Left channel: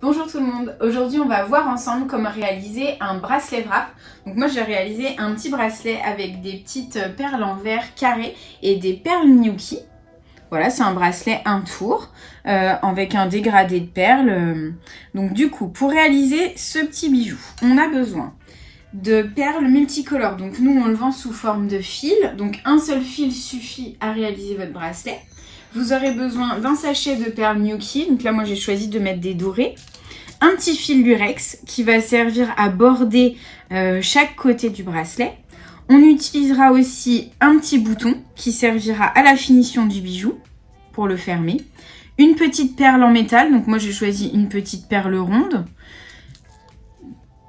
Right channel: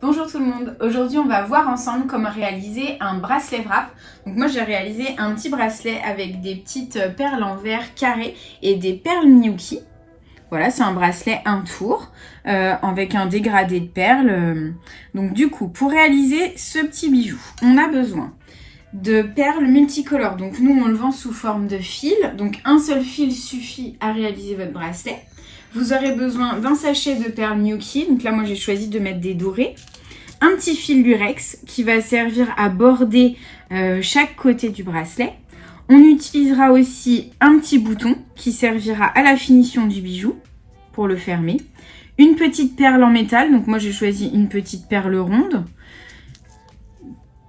Bonjour tout le monde, aujourd'hui on va voir ensemble comment réaliser un bracelet wrap. Donc moi j'ai réalisé un petit bracelet avec des petites perles en verre carré et des perles Miyuki. Voilà, c'est un bracelet un tour avec un dégradé de perles. Donc du coup, pour réaliser ce petit bijou, on a besoin de perles multicolores. Donc nous on le vend sous forme de fil, donc un seul fil suffit à réaliser votre bracelet. Vous aurez besoin d'un sachet de perles Miyuki, donc là moi j'ai choisi de mettre des dorés. Un petit fil lurex qui va servir à border chaque côté du bracelet. On utilisera aussi un petit bouton qui servira à la finition du bijou pour le fermer. Une petite perle en métal, donc moi j'ai choisi une petite perle ronde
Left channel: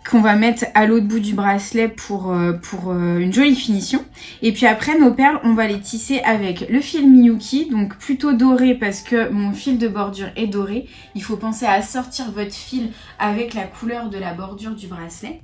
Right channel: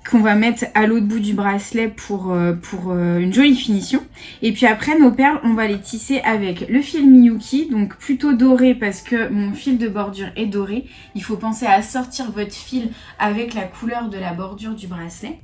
qu'on va mettre à l'autre bout du bracelet pour une jolie finition. Et puis après, nos perles, on va les tisser avec le fil Miyuki, donc plutôt doré parce que mon fil de bordure est doré. Il faut penser à assortir votre fil avec la couleur de la bordure du bracelet.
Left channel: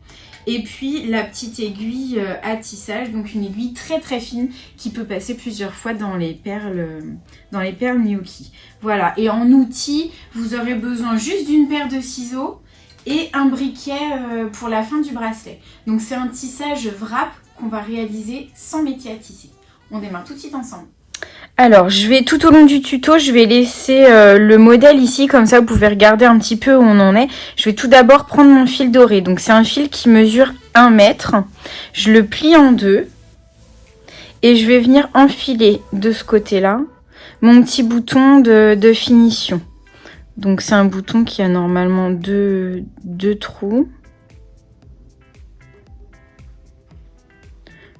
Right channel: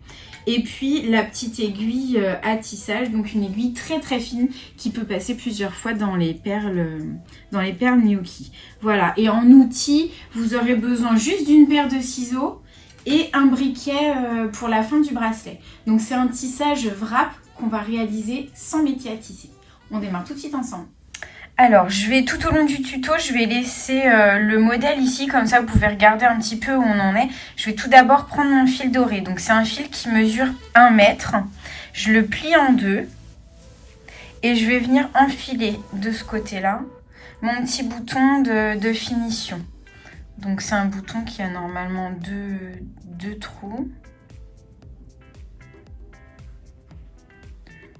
Et puis la petite aiguille à tissage, donc une aiguille très très fine qui peut passer plusieurs fois dans les perles Miyuki. Voilà, et en outil, vous aurez besoin juste d'une paire de ciseaux et un briquet pour la fin du bracelet. Donc c'est un tissage wrap qu'on va réaliser sans métier à tisser. On démarre tout de suite ensemble. Alors, je vais tout au long du tuto, je vais laisser le modèle ici, comme ça vous pouvez regarder un petit peu où on en est. Je vais tout d'abord prendre mon fil doré. Donc c'est un fil qui mesure 1 mètre. Je le plie en deux et je vais venir enfiler de ce côté-là mon petit bouton de finition. Donc c'est un bouton qui a normalement deux trous.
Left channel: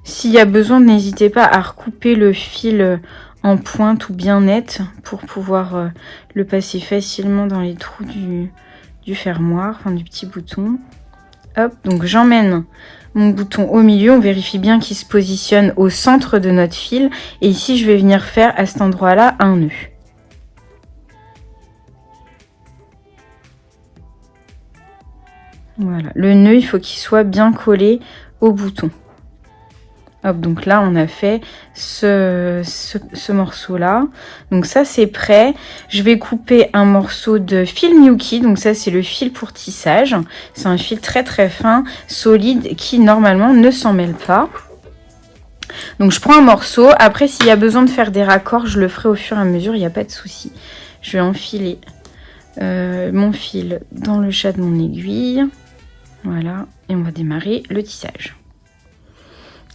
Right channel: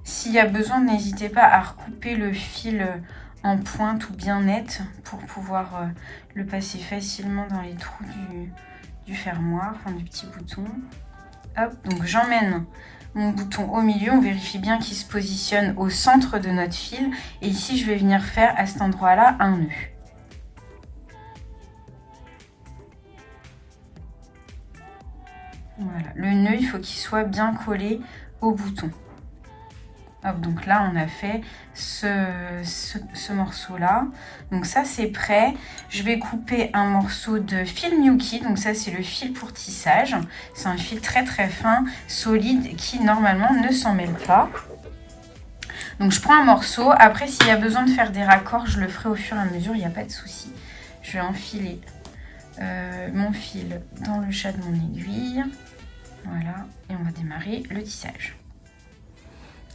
S'il y a besoin, n'hésitez pas à recouper le fil en pointe ou bien net pour pouvoir le passer facilement dans les trous du fermoir, enfin du petit bouton. Hop, donc j'emmène mon bouton au milieu, on vérifie bien qu'il se positionne au centre de notre fil. Et ici, je vais venir faire à cet endroit-là un nœud. Voilà, le nœud, il faut qu'il soit bien collé au bouton. Hop, donc là, on a fait ce morceau-là. Donc ça, c'est prêt. Je vais couper un morceau de fil Miyuki. Donc ça, c'est le fil pour tissage. C'est un fil très très fin, solide, qui normalement ne s'en mêle pas. Donc je prends un morceau. Après, s'il y a besoin de faire des raccords, je le ferai au fur et à mesure, il n'y a pas de souci. Je vais enfiler mon fil dans le chat de mon aiguille. Voilà, et on va démarrer le tissage.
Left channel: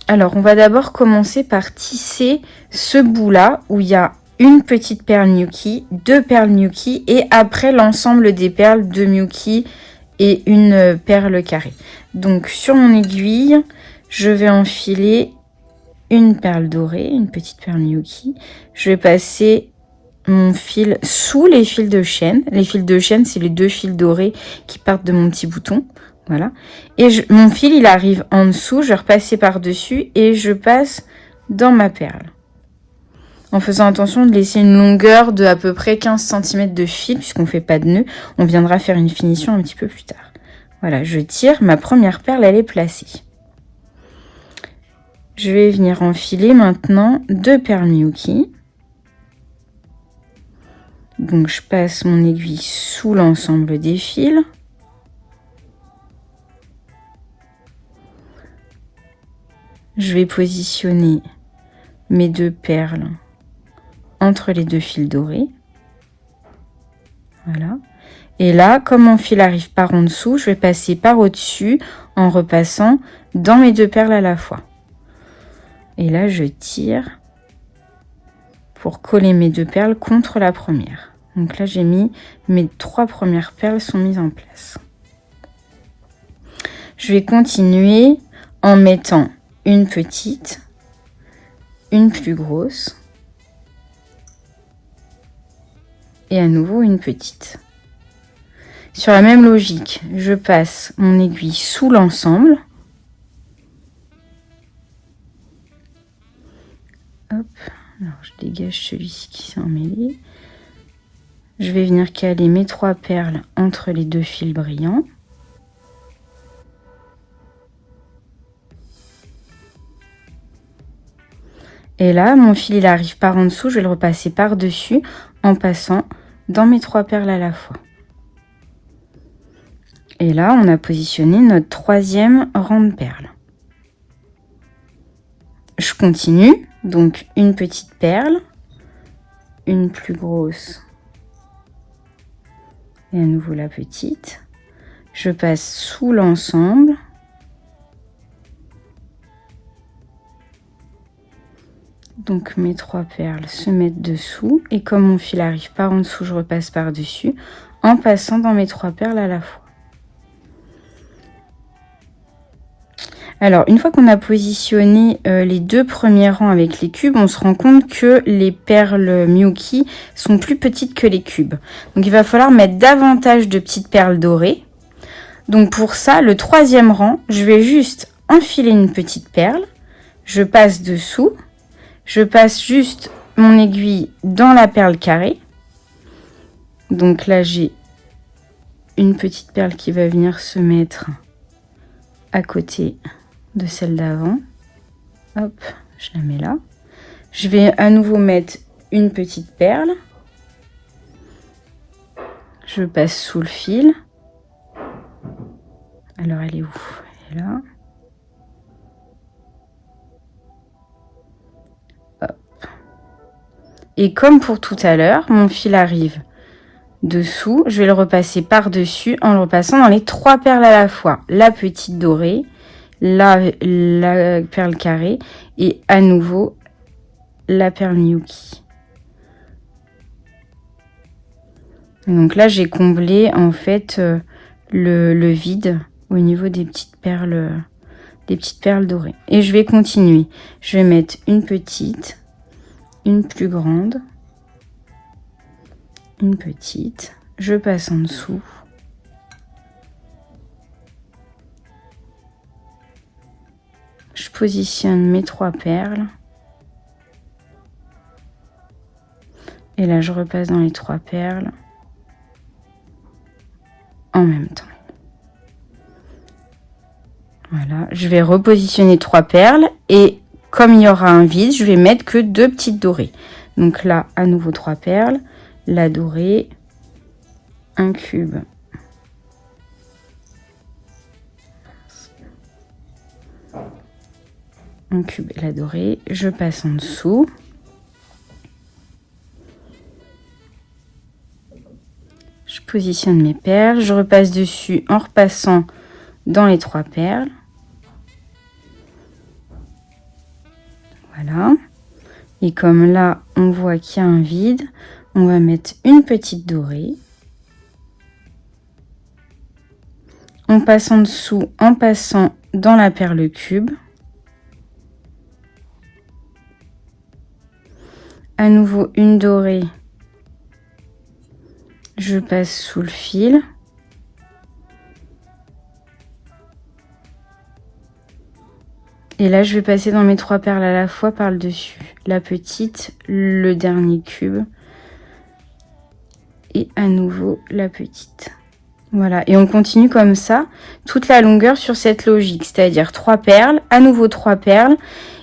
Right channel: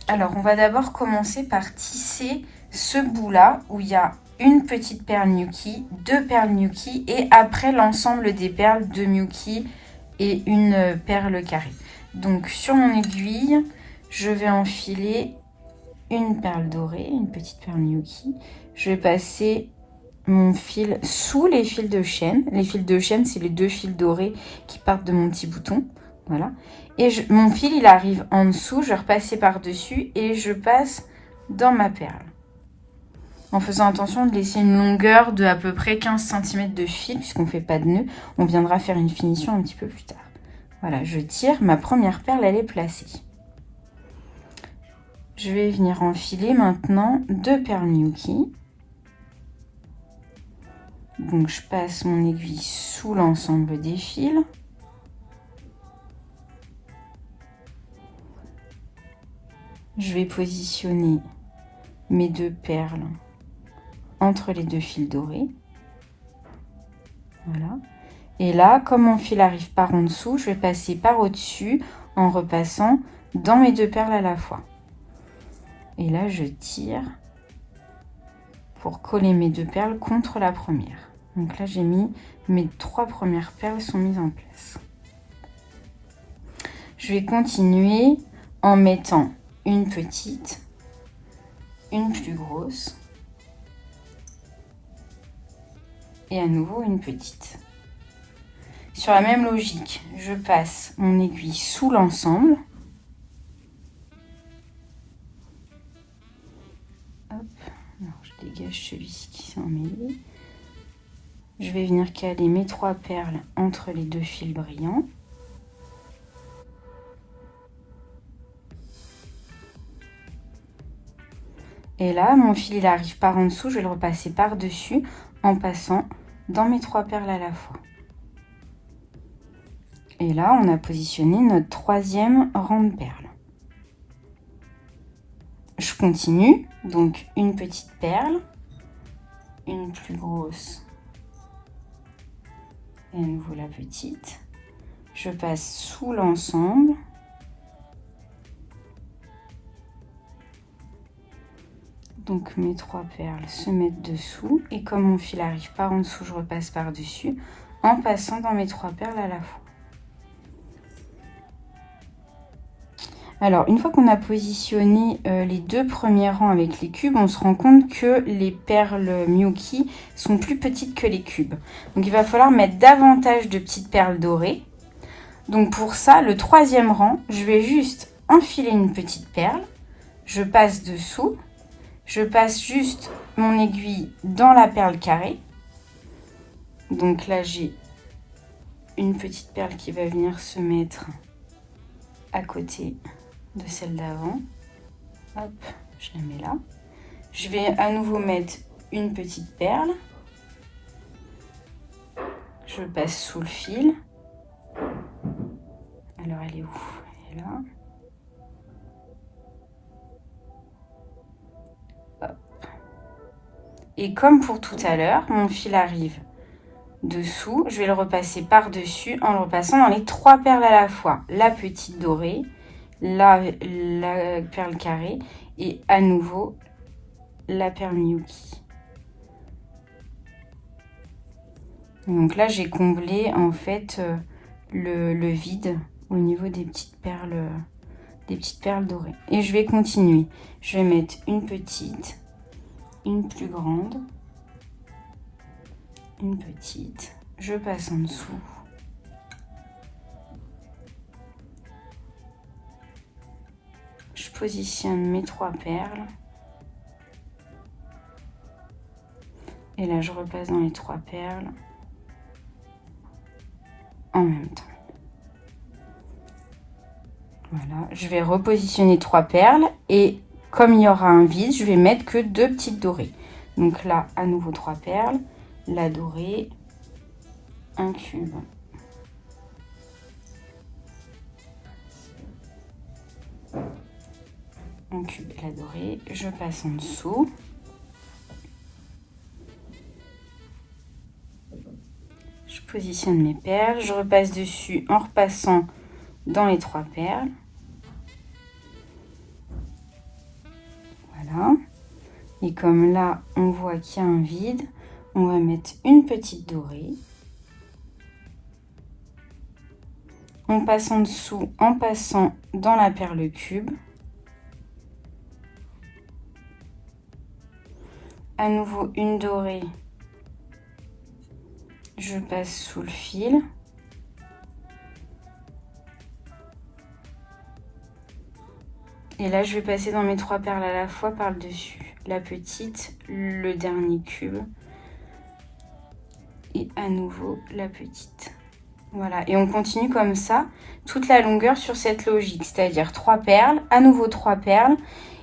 Alors, on va d'abord commencer par tisser ce bout-là où il y a une petite perle Miyuki, deux perles Miyuki et après l'ensemble des perles de Miyuki et une perle carrée. Donc, sur mon aiguille, je vais enfiler une perle dorée, une petite perle Miyuki. Je vais passer mon fil sous les fils de chaîne. Les fils de chaîne, c'est les deux fils dorés qui partent de mon petit bouton. Voilà. Et mon fil, il arrive en dessous. Je vais repasser par-dessus et je passe dans ma perle. En faisant attention de laisser une longueur de à peu près 15 cm de fil, puisqu'on ne fait pas de nœud. On viendra faire une finition un petit peu plus tard. Voilà, je tire. Ma première perle, elle est placée. Je vais venir enfiler maintenant deux perles Miyuki. Donc, je passe mon aiguille sous l'ensemble des fils. Je vais positionner mes deux perles entre les deux fils dorés. Voilà. Et là, comme mon fil arrive par en dessous, je vais passer par au-dessus en repassant dans mes deux perles à la fois. Et là, je tire pour coller mes deux perles contre la première. Donc là, j'ai mis mes 3 premières perles sont mises en place. Je vais continuer en mettant une petite, une plus grosse et à nouveau une petite. Sur la même logique, je passe mon aiguille sous l'ensemble. Hop, alors je dégage celui-ci qui s'est emmêlé. Je vais venir caler mes 3 perles entre les deux fils brillants. Et là, mon fil il arrive par en dessous, je vais le repasser par-dessus en passant dans mes 3 perles à la fois. Et là, on a positionné notre 3e rang de perles. Je continue, donc une petite perle, une plus grosse et à nouveau la petite. Je passe sous l'ensemble. Donc mes 3 perles se mettent dessous et comme mon fil arrive par en dessous, je repasse par-dessus en passant dans mes 3 perles à la fois. Alors, une fois qu'on a positionné les 2 premiers rangs avec les cubes, on se rend compte que les perles Miyuki sont plus petites que les cubes. Donc, il va falloir mettre davantage de petites perles dorées. Donc, pour ça, le 3e rang, je vais juste enfiler une petite perle. Je passe dessous. Je passe juste mon aiguille dans la perle carrée. Donc là, j'ai une petite perle qui va venir se mettre à côté de celle d'avant. Hop, je la mets là. Je vais à nouveau mettre une petite perle. Je passe sous le fil. Alors, elle est où? Elle est là. Hop. Et comme pour tout à l'heure, mon fil arrive dessous. Je vais le repasser par-dessus en le repassant dans les 3 perles à la fois. La petite dorée, la perle carrée et à nouveau la perle Miyuki. Donc là, j'ai comblé en fait le vide au niveau des petites perles dorées. Et je vais continuer. Je vais mettre une petite, une plus grande, une petite. Je passe en dessous. Je positionne mes 3 perles. Et là, je repasse dans les 3 perles en même temps. Voilà, je vais repositionner 3 perles et comme il y aura un vide, je vais mettre que 2 petites dorées. Donc là, à nouveau 3 perles, la dorée, un cube. Un cube et la dorée, je passe en dessous. Je positionne mes perles, je repasse dessus en repassant dans les 3 perles. Voilà. Et comme là, on voit qu'il y a un vide, on va mettre une petite dorée. On passe en dessous en passant dans la perle cube. À nouveau une dorée. Je passe sous le fil. Et là, je vais passer dans mes 3 perles à la fois par le dessus. La petite, le dernier cube. Et à nouveau la petite. Voilà, et on continue comme ça toute la longueur sur cette logique. C'est-à-dire 3 perles, à nouveau 3 perles.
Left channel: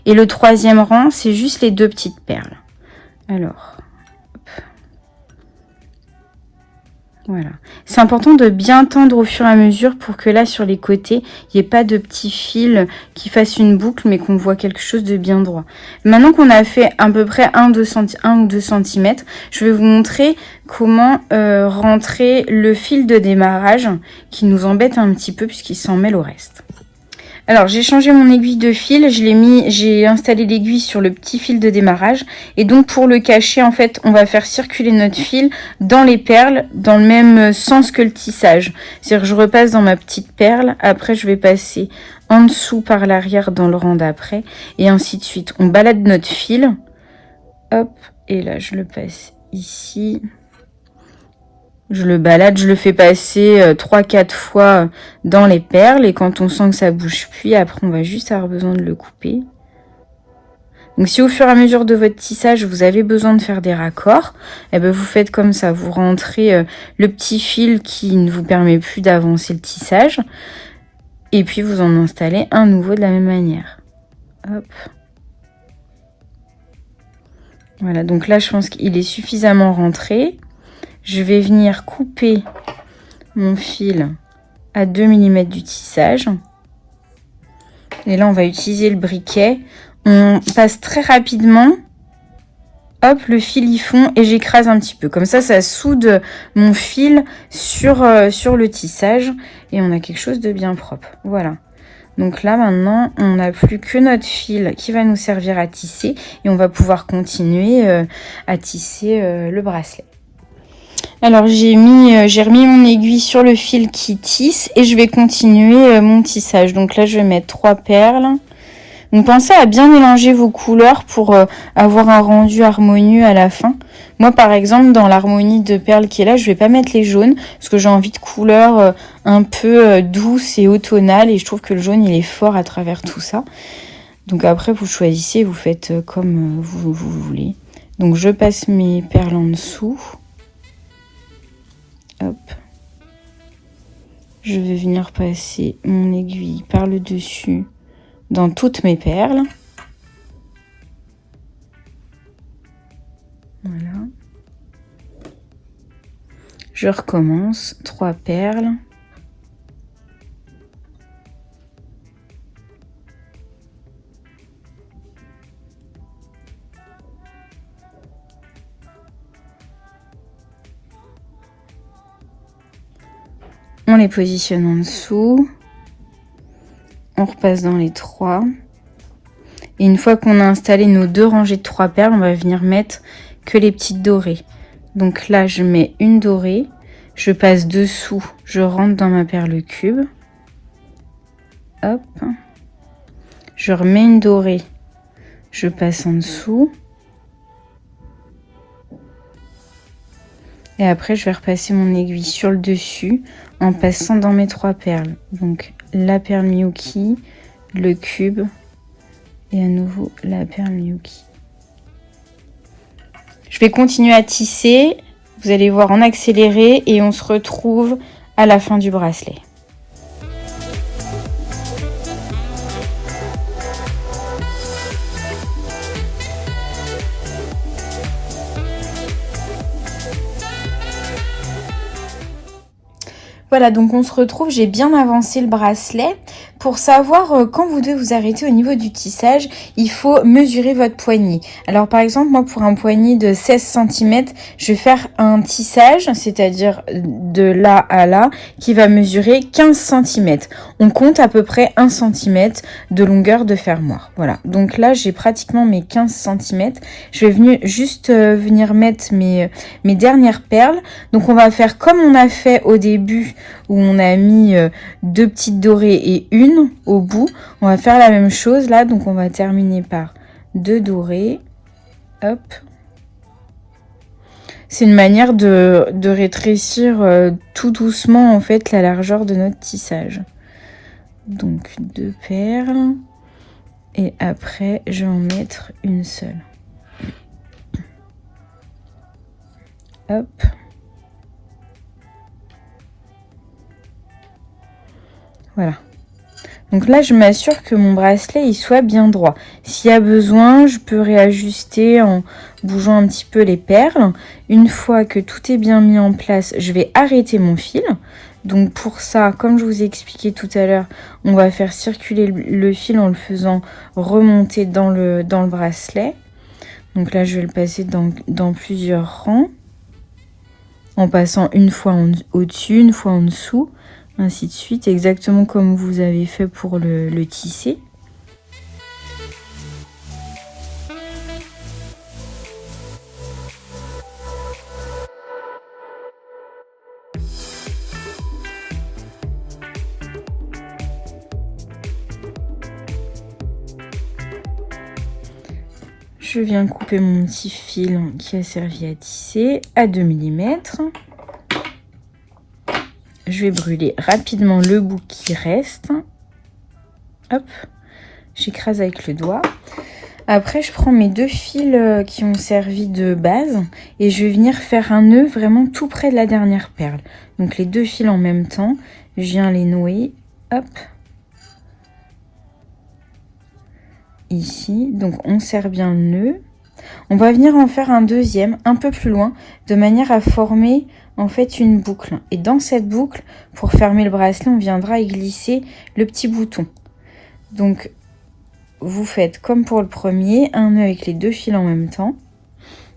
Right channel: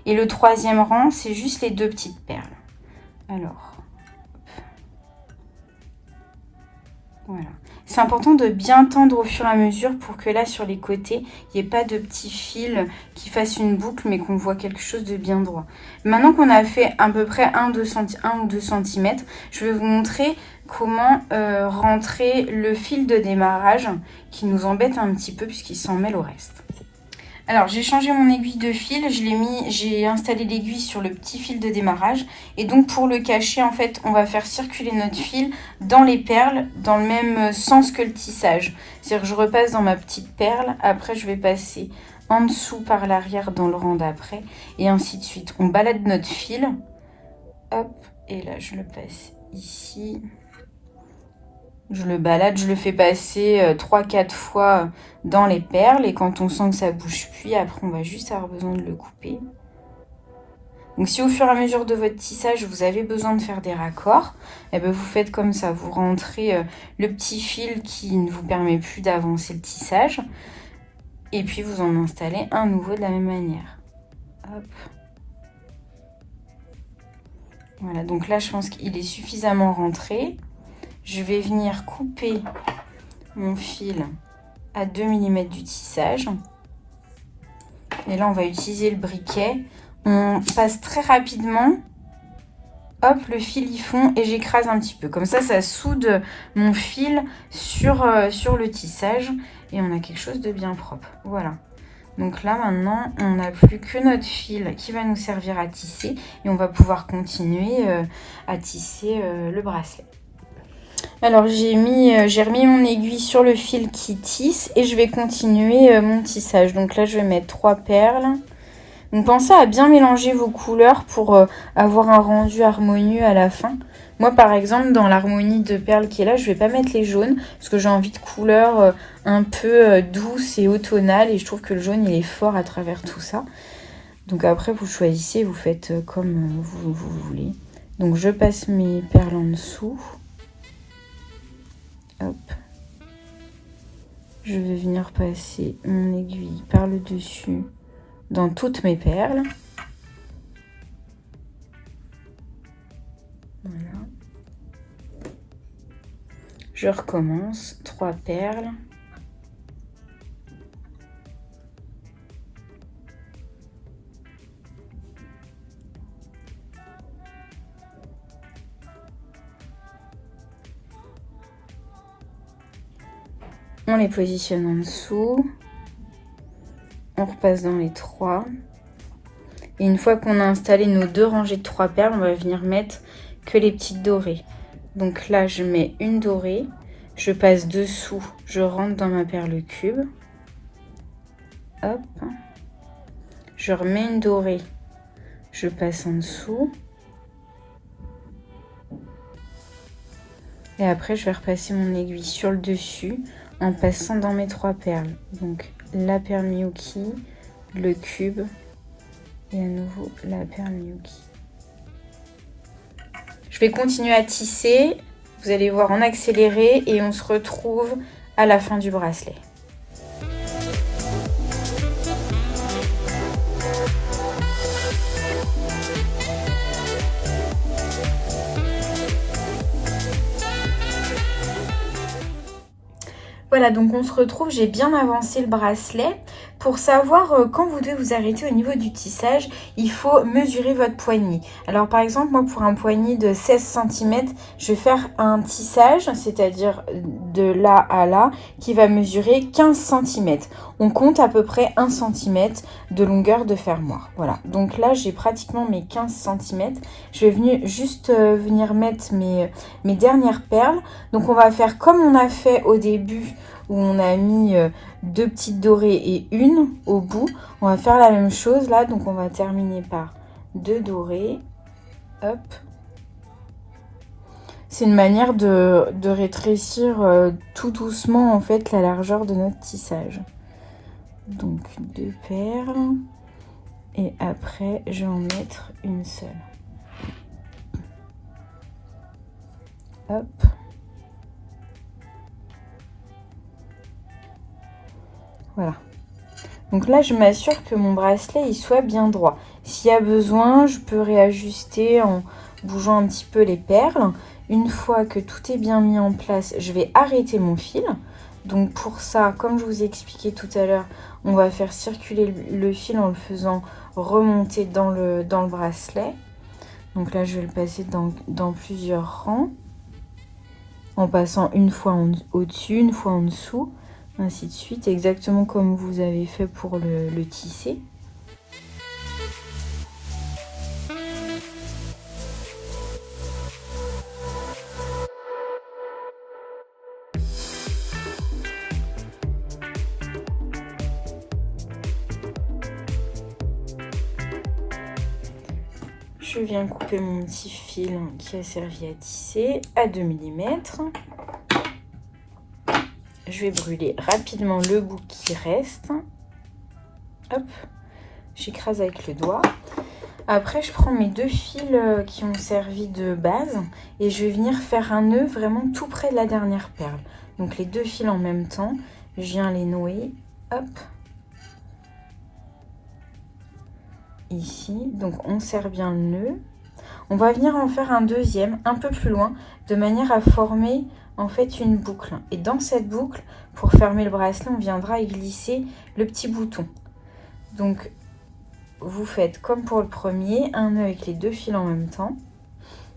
Et le 3e rang, c'est juste les 2 petites perles. Alors, voilà. C'est important de bien tendre au fur et à mesure pour que là, sur les côtés, il n'y ait pas de petits fils qui fassent une boucle, mais qu'on voit quelque chose de bien droit. Maintenant qu'on a fait à peu près 1 ou 2 cm, je vais vous montrer comment rentrer le fil de démarrage qui nous embête un petit peu puisqu'il s'en mêle au reste. Alors, j'ai changé mon aiguille de fil, j'ai installé l'aiguille sur le petit fil de démarrage. Et donc, pour le cacher, en fait, on va faire circuler notre fil dans les perles, dans le même sens que le tissage. C'est-à-dire que je repasse dans ma petite perle, après je vais passer en dessous par l'arrière dans le rang d'après, et ainsi de suite. On balade notre fil, hop, et là, je le passe ici. Je le balade, je le fais passer 3-4 fois dans les perles et quand on sent que ça bouge plus, après on va juste avoir besoin de le couper. Donc si au fur et à mesure de votre tissage, vous avez besoin de faire des raccords, eh ben vous faites comme ça, vous rentrez le petit fil qui ne vous permet plus d'avancer le tissage et puis vous en installez un nouveau de la même manière. Hop. Voilà, donc là je pense qu'il est suffisamment rentré. je vais venir couper mon fil à 2 mm du tissage. Et là, on va utiliser le briquet. On passe très rapidement. Hop, le fil y fond et j'écrase un petit peu. Comme ça soude mon fil sur le tissage. Et on a quelque chose de bien propre. Voilà. Donc là, maintenant, on n'a plus que notre fil qui va nous servir à tisser. Et on va pouvoir continuer à tisser le bracelet. Alors, j'ai remis mon aiguille sur le fil qui tisse. Et je vais continuer mon tissage. Donc là, je vais mettre 3 perles. Donc pensez à bien mélanger vos couleurs pour avoir un rendu harmonieux à la fin. Moi par exemple dans l'harmonie de perles qui est là, je vais pas mettre les jaunes parce que j'ai envie de couleurs un peu douces et automnales et je trouve que le jaune il est fort à travers tout ça. Donc après vous choisissez, vous faites comme vous voulez. Donc je passe mes perles en dessous. Hop. Je vais venir passer mon aiguille par le dessus dans toutes mes perles. Voilà. Je recommence, 3 perles. On les positionne en dessous. On repasse dans les 3. Et une fois qu'on a installé nos 2 rangées de 3 perles, on va venir mettre que les petites dorées. Donc là, je mets une dorée. Je passe dessous. Je rentre dans ma perle cube. Hop. Je remets une dorée. Je passe en dessous. Et après, je vais repasser mon aiguille sur le dessus en passant dans mes 3 perles. Donc la perle Miyuki, le cube et à nouveau la perle Miyuki. Je vais continuer à tisser, vous allez voir en accéléré et on se retrouve à la fin du bracelet. Voilà, donc on se retrouve, j'ai bien avancé le bracelet. Pour savoir quand vous devez vous arrêter au niveau du tissage, il faut mesurer votre poignet. Alors par exemple, moi pour un poignet de 16 cm, je vais faire un tissage, c'est-à-dire de là à là, qui va mesurer 15 cm. On compte à peu près 1 cm de longueur de fermoir. Voilà, donc là j'ai pratiquement mes 15 cm. Je vais juste venir mettre mes dernières perles. Donc on va faire comme on a fait au début, où on a mis 2 petites dorées et une au bout. On va faire la même chose là, donc on va terminer par 2 dorées. Hop. C'est une manière de rétrécir tout doucement en fait la largeur de notre tissage. Donc 2 perles. Et après, je vais en mettre une seule. Hop. Voilà. Donc là, je m'assure que mon bracelet il soit bien droit. S'il y a besoin, je peux réajuster en bougeant un petit peu les perles. Une fois que tout est bien mis en place, je vais arrêter mon fil. Donc pour ça, comme je vous ai expliqué tout à l'heure, on va faire circuler le fil en le faisant remonter dans le bracelet. Donc là, je vais le passer dans plusieurs rangs. En passant une fois au-dessus, une fois en dessous. Ainsi de suite, exactement comme vous avez fait pour le tisser. Je viens couper mon petit fil qui a servi à tisser à 2 mm. Je vais brûler rapidement le bout qui reste. Hop, j'écrase avec le doigt. Après, je prends mes 2 fils qui ont servi de base et je vais venir faire un nœud vraiment tout près de la dernière perle. Donc les 2 fils en même temps, je viens les nouer. Hop. Ici, donc on serre bien le nœud. On va venir en faire un deuxième un peu plus loin de manière à former en fait une boucle. Et dans cette boucle, pour fermer le bracelet, on viendra y glisser le petit bouton. Donc vous faites comme pour le premier, un nœud avec les 2 fils en même temps.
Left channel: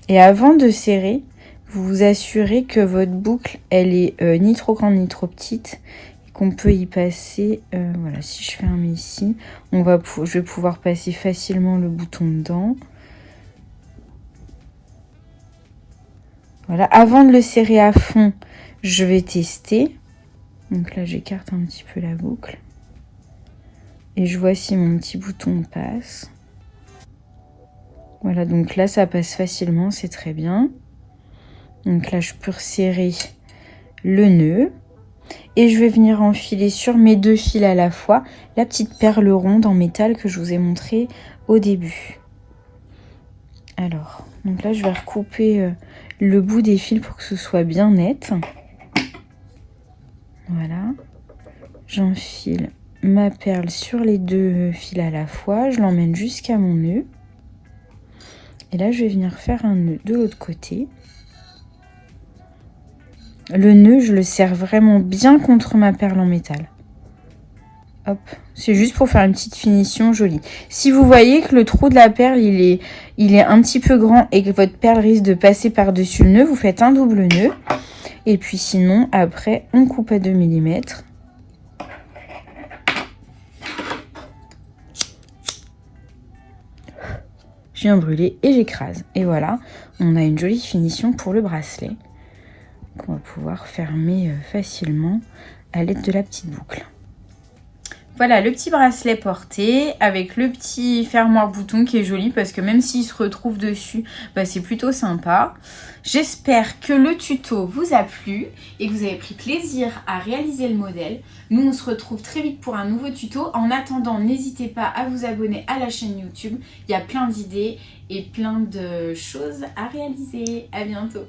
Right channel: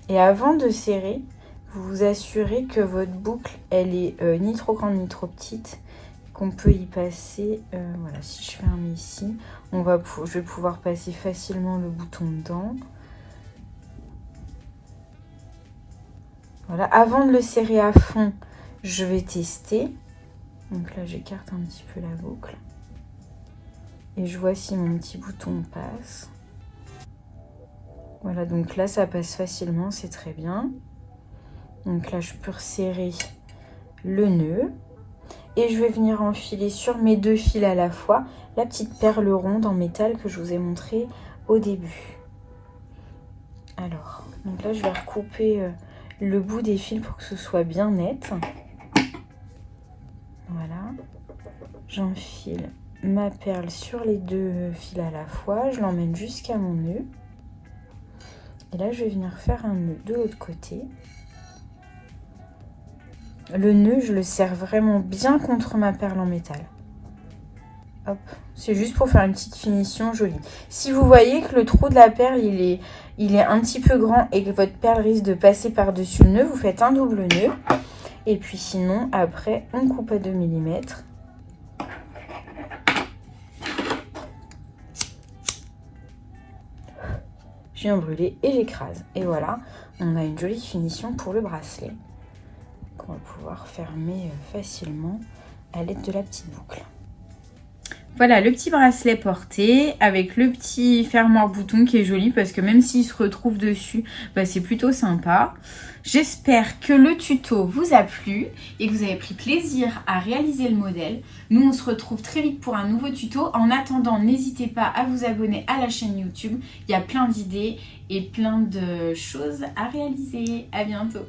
Et avant de serrer, vous vous assurez que votre boucle, elle est ni trop grande ni trop petite. Qu'on peut y passer, voilà, si je ferme ici, je vais pouvoir passer facilement le bouton dedans. Voilà, avant de le serrer à fond, je vais tester. Donc là, j'écarte un petit peu la boucle. Et je vois si mon petit bouton passe. Voilà, donc là, ça passe facilement, c'est très bien. Donc là, je peux resserrer le nœud. Et je vais venir enfiler sur mes 2 fils à la fois la petite perle ronde en métal que je vous ai montré au début. Alors, donc là, je vais recouper le bout des fils pour que ce soit bien net. Voilà. J'enfile ma perle sur les 2 fils à la fois. Je l'emmène jusqu'à mon nœud. Et là, je vais venir faire un nœud de l'autre côté. Le nœud, je le serre vraiment bien contre ma perle en métal. Hop, c'est juste pour faire une petite finition jolie. Si vous voyez que le trou de la perle, il est un petit peu grand et que votre perle risque de passer par-dessus le nœud, vous faites un double nœud. Et puis sinon, après, on coupe à 2 mm. Je viens brûler et j'écrase. Et voilà, on a une jolie finition pour le bracelet qu'on va pouvoir fermer facilement à l'aide de la petite boucle. Voilà le petit bracelet porté avec le petit fermoir bouton qui est joli parce que même s'il se retrouve dessus, bah, c'est plutôt sympa. J'espère que le tuto vous a plu et que vous avez pris plaisir à réaliser le modèle. Nous, on se retrouve très vite pour un nouveau tuto. En attendant, n'hésitez pas à vous abonner à la chaîne YouTube. Il y a plein d'idées et plein de choses à réaliser. À bientôt.